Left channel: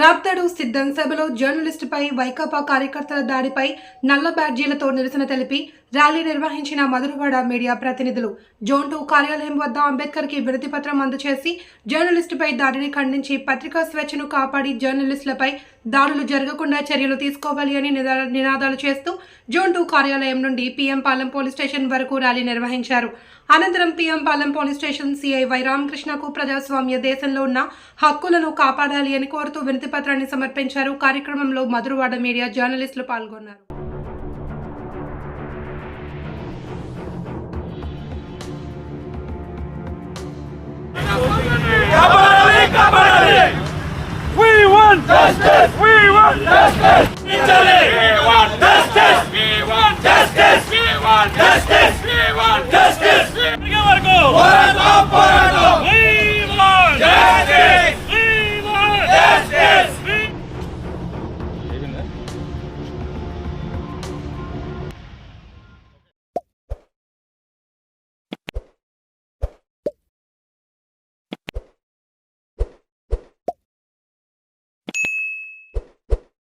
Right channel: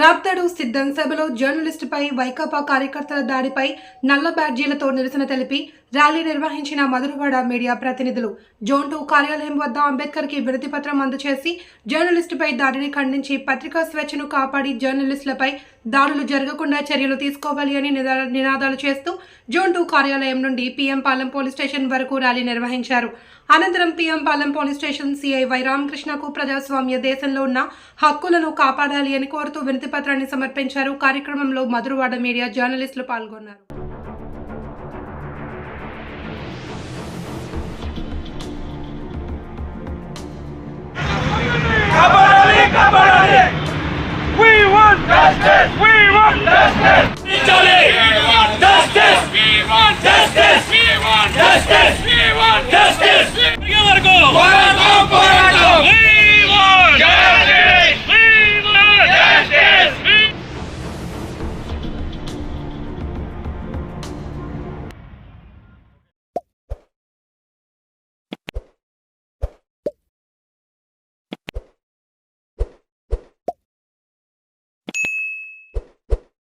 రాప్తాడు సిద్ధం సభలో జర్నలిస్టుపై వైకాపా కార్యకర్తల దాడిపై నల్ల బ్యాడ్జీలతో నిరసన తెలిపి ర్యాలీ నిర్వహించిన మధురవాడ మీడియా ప్రతినిధులు జోన్ 2 కార్యాలయం వద్ద అంబేద్కర్కి వినతి పత్రం అందజేసి జర్నలిస్టుపై దాడిని ఖండించి పత్రికా స్వేచ్ఛను కాపాడి జర్నలిస్టులపై దాడులు జరగకుండా చర్యలు తీసుకోవాలి అని నినాదాలు చేస్తూ జోన్ 2 కార్యాలయం నుండి PM పాలెం పోలీస్ స్టేషన్ వరకు ర్యాలీ నిర్వహించారు. అనంతరం PM Palem police station CI Y రామకృష్ణకు ప్రజాస్వామ్య దేశంలో ఉన్న హక్కులను కాపాడాలి అని కోరుతూ వినతి పత్రాన్ని సమర్పించారు. కార్యక్రమంలో మధురవాడ మీడియా జర్నలిస్టులు పాల్గొన్నారు. We want justice! We want justice! We want justice! We want justice! We want justice! We want justice! We want justice!